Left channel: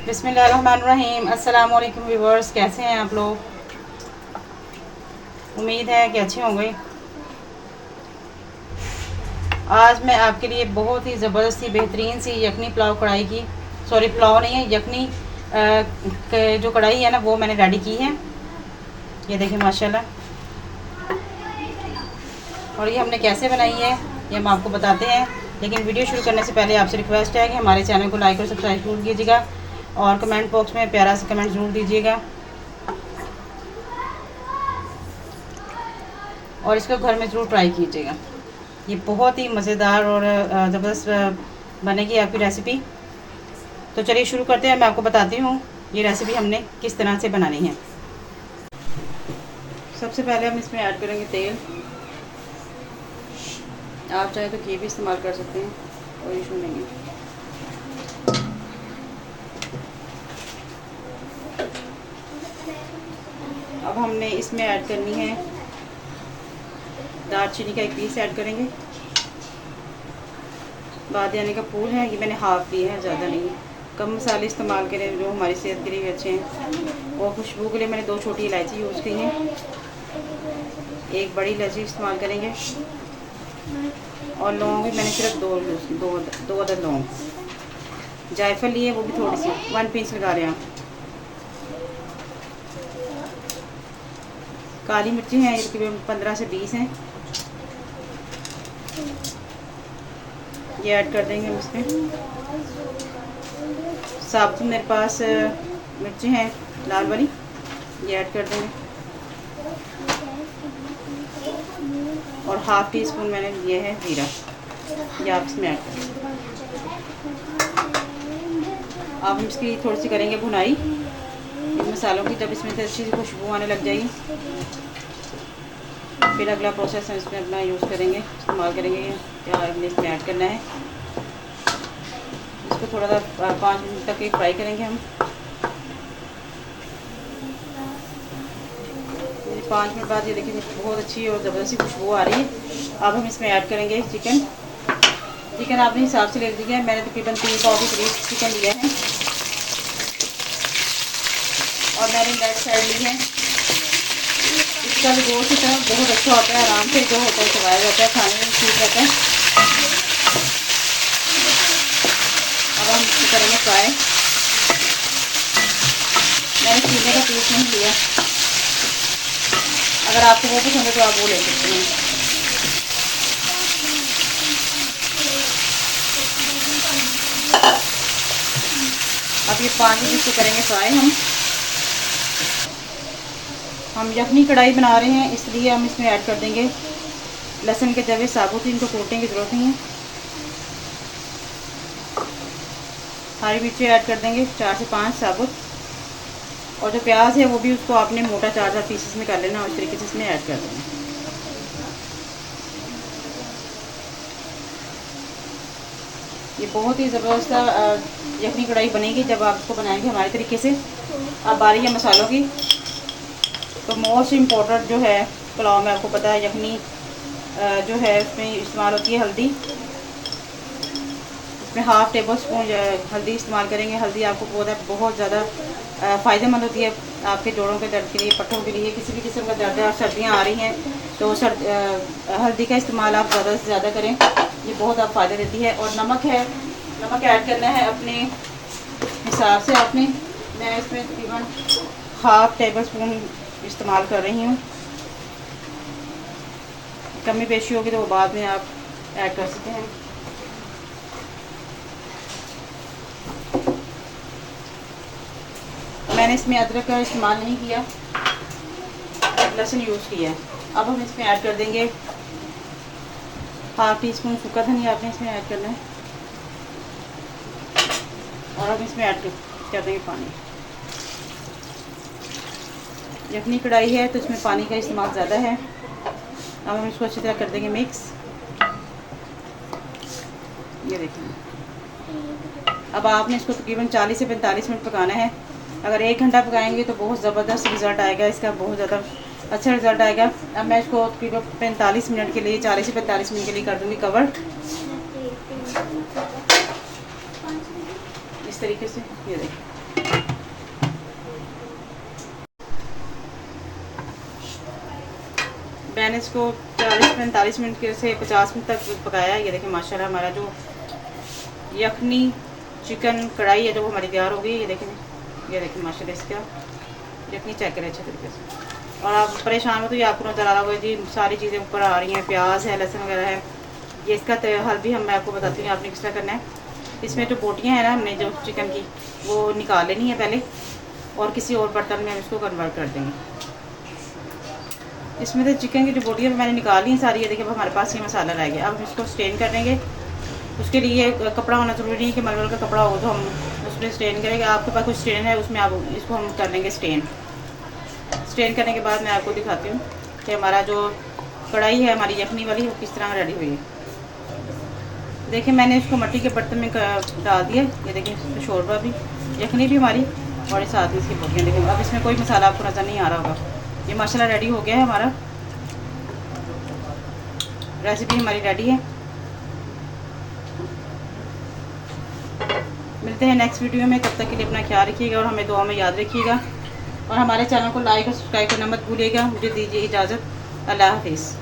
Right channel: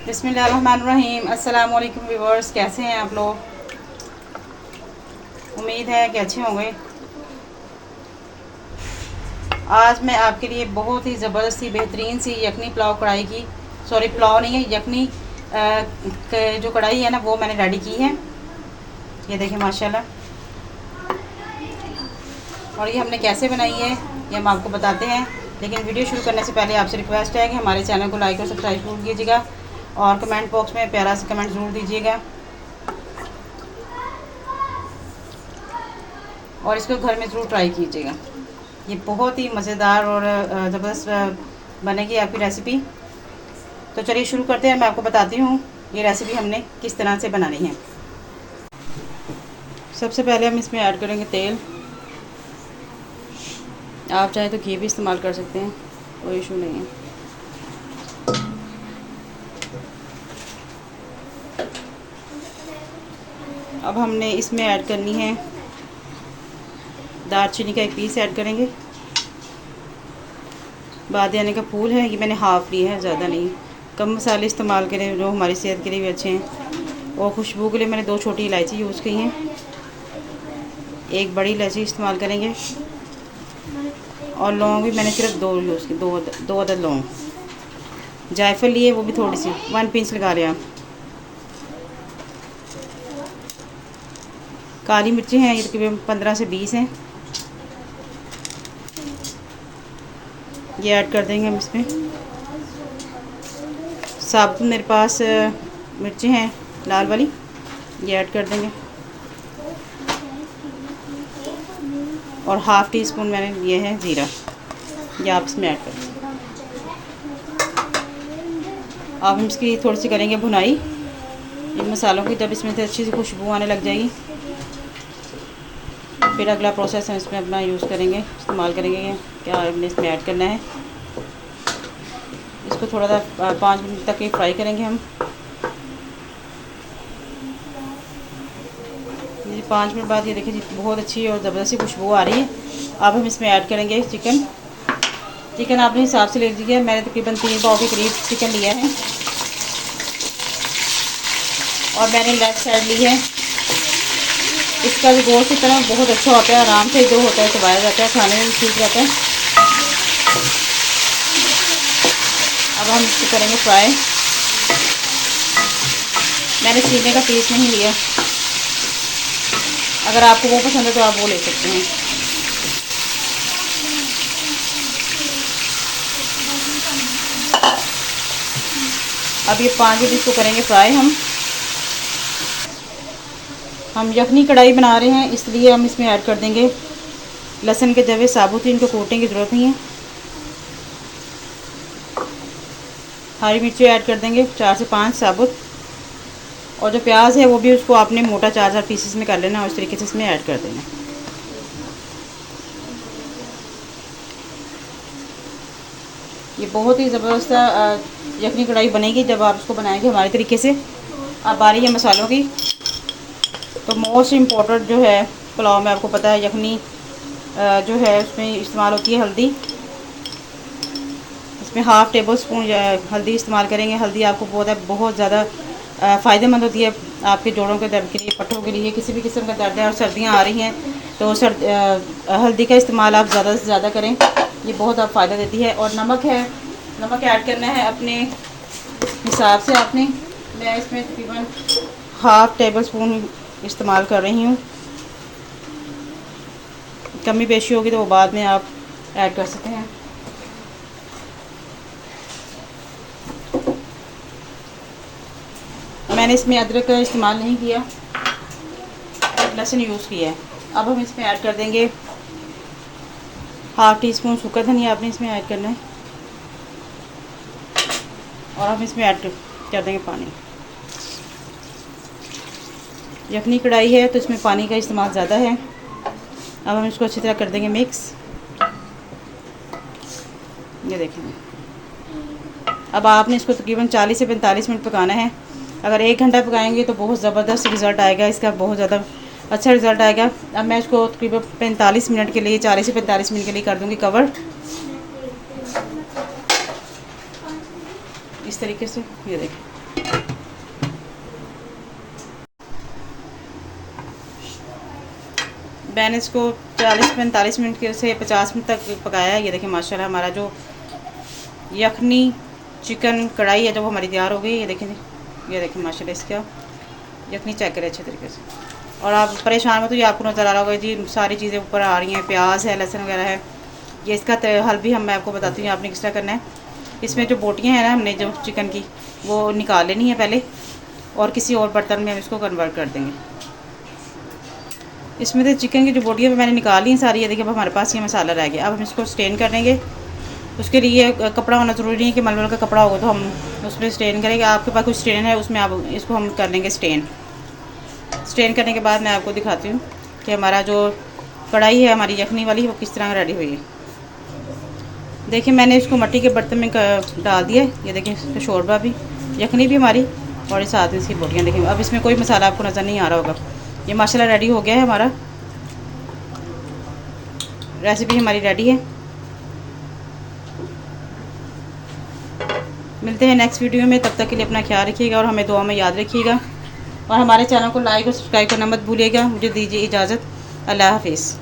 बिस्मिल्लाहिर्रहमानिर्रहीम। अस्सलाम वालेकुम व्यूअर्स, कैसे हैं आप लोग? उम्मीद है कि अच्छे होंगे। आज मैं आपके लिए बहुत ही ज़बरदस्त बेहतरीन सी यखनी पुलाव कढ़ाई की पुलाव नहीं है, यखनी जो कढ़ाई है ना, वो मैंने रेडी की है। ये देखिए माशाल्लाह। और ये हमने कैसे बनाई है ये हम आपको बताते हैं, लेकिन वीडियो शुरू करने से पहले आपसे रिक्वेस्ट है कि हमारे चैनल को लाइक और सब्सक्राइब जरूर कीजिएगा और कमेंट बॉक्स में प्यारा सा कमेंट ज़रूर दीजिएगा और इसको घर में ज़रूर ट्राई कीजिएगा। ये बहुत ही मज़ेदार और ज़बरदस्त बनेगी आपकी रेसिपी। तो चलिए शुरू करते हैं। मैं आपको बताती हूँ ये रेसिपी हमने किस तरह से बनानी है। सबसे पहले हम इसमें ऐड करेंगे तेल। आप चाहे तो घी भी इस्तेमाल कर सकते हैं, कोई इशू नहीं है। अब हमने इसमें ऐड करनी है दालचीनी का एक पीस ऐड करेंगे। बादियाने का फूल है, ये मैंने हाफ लिया है, ज़्यादा नहीं। कम मसाले इस्तेमाल करें जो हमारी सेहत के लिए भी अच्छे हैं। और खुशबू के लिए मैंने 2 छोटी इलायची यूज़ की हैं, एक बड़ी इलायची इस्तेमाल करेंगे। और लौंग भी मैंने सिर्फ 2 यूज़ की, 2 अदद लौंग। जायफल लिए, वो भी थोड़ी सी 1 पिंच लगा रहे हैं। काली मिर्ची हैं, ये तकरीबन 15 से 20 हैं, ये ऐड कर देंगे हम इसमें। साबुत मेरे पास मिर्ची हैं लाल वाली, ये ऐड कर देंगे। और हाफ़ टी स्पून मैंने लिए है ज़ीरा, ये आप इसमें ऐड कर देंगे। अब हम इसकी थोड़ी सी करेंगे भुनाई इन मसालों की, जब इसमें से अच्छी सी खुशबू आने लग जाएगी फिर अगला प्रोसेस हम इसमें अपना यूज़ करेंगे, इस्तेमाल करेंगे। क्या हमने इसमें ऐड करना है, इसको थोड़ा सा 5 मिनट तक ही फ्राई करेंगे हम। 5 मिनट बाद ये देखिए बहुत अच्छी और ज़बरदस्त खुशबू आ रही है। अब हम इसमें ऐड करेंगे चिकन। चिकन अपने हिसाब से ले लीजिए, मैंने तकरीबन 3 पाव के करीब चिकन लिया है। और मैंने लेग साइड ली है। इसका जो गोश्त होता है बहुत अच्छा होता है, आराम से जो होता है चबाया जाता है, खाने में ठीक रहता है। अब हम इसको करेंगे फ्राई। मैंने सीने का पीस नहीं लिया, अगर आपको वो पसंद है तो आप वो ले सकते हैं। अब ये 5 मिनट इसको करेंगे फ्राई। हम यखनी कढ़ाई बना रहे हैं, इसलिए हम इसमें ऐड कर देंगे लहसुन के जवे साबुत, इनको कूटने की ज़रूरत नहीं है। हरी मिर्ची ऐड कर देंगे 4 से 5 साबुत। और जो प्याज है वो भी उसको आपने मोटा 4-4 पीसेस में कर लेना और इस तरीके से इसमें ऐड कर देना। ये बहुत ही ज़बरदस्त यखनी कढ़ाई बनेगी जब आप इसको बनाएंगे हमारे तरीके से। अब बारी है मसालों की। तो मोस्ट इम्पॉर्टेंट जो है पुलाव में, आपको पता है यखनी जो है उसमें इस्तेमाल होती है हल्दी। इसमें हाफ़ टेबल स्पून हल्दी इस्तेमाल करेंगे। हल्दी आपको बहुत ज़्यादा फ़ायदेमंद होती है आपके जोड़ों के दर्द के लिए, पट्टों के लिए, किसी भी किस्म का दर्द है और सर्दियाँ आ रही हैं तो हल्दी का इस्तेमाल आप ज़्यादा से ज़्यादा करें, ये बहुत आप फ़ायदा देती है। और नमक है, नमक ऐड करना है अपने हिसाब से आपने। मैं इसमें तकरीबन हाफ़ टेबल स्पून इस्तेमाल कर रही हूँ। कमी पेशी होगी तो वो बाद में आप ऐड कर सकते हैं। मैंने इसमें अदरक का इस्तेमाल नहीं किया, लहसुन यूज़ किया है। अब हम इसमें ऐड कर देंगे हाफ़ टी स्पून सूखा धनिया, आपने इसमें ऐड करना है। और हम इसमें ऐड कर देंगे पानी। यखनी कढ़ाई है तो इसमें पानी का इस्तेमाल ज़्यादा है। अब हम इसको अच्छी तरह कर देंगे मिक्स। ये देखें। अब आपने इसको तकरीबन 40 से 45 मिनट पकाना है। अगर 1 घंटा पकाएंगे तो बहुत ज़बरदस्त रिज़ल्ट आएगा, इसका बहुत ज़्यादा अच्छा रिज़ल्ट आएगा। अब मैं इसको तकरीबन 45 मिनट के लिए, 40 से 45 मिनट के लिए कर दूँगी कवर। इस तरीके से ये देखें। मैंने इसको 40-45 मिनट के से 50 मिनट तक पकाया है। ये देखिए माशाल्लाह हमारा जो यखनी चिकन कढ़ाई है जो वो हमारी तैयार हो गई। ये देखिए माशाल्लाह इसका यखनी चेक करें अच्छे तरीके से। और आप परेशान हो तो ये आपको नज़र आ रहा होगा जी, सारी चीज़ें ऊपर आ रही हैं, प्याज है, लहसुन वगैरह है। ये इसका हल भी मैं आपको बताती हूँ आपने किस तरह करना है। इसमें जो बोटियाँ हैं ना हमने जो चिकन की वो निकाल लेनी है पहले, और किसी और बर्तन में हम इसको कन्वर्ट कर देंगे। इसमें तो चिकन की जो बोटियाँ मैंने निकाली सारी है। देखिए अब हमारे पास ये मसाला रह गया। अब हम इसको स्टेन कर लेंगे। उसके लिए कपड़ा होना ज़रूरी नहीं है कि मलमल का कपड़ा होगा तो हम उसमें स्टेन करेंगे। आपके पास कुछ स्टेन है उसमें आप इसको हम कर लेंगे स्टेन करने के बाद मैं आपको दिखाती हूँ कि हमारा जो कढ़ाई है हमारी यखनी वाली वो किस तरह रेडी हुई है। देखिए मैंने इसको मिट्टी के बर्तन में डाल दिया। ये देखिए शोरबा भी, यखनी भी हमारी, और साथ में इसकी बोटियाँ। देखिए अब इसमें कोई मसाला आपको नज़र नहीं आ रहा होगा। ये माशाल्लाह रेडी हो गया है, हमारा रेसिपी हमारी रेडी है। मिलते हैं नेक्स्ट वीडियो में, तब तक के लिए अपना ख्याल रखिएगा और हमें दुआ में याद रखिएगा। और हमारे चैनल को लाइक और सब्सक्राइब करना मत भूलिएगा। मुझे दीजिए इजाज़त। अल्लाह हाफिज़।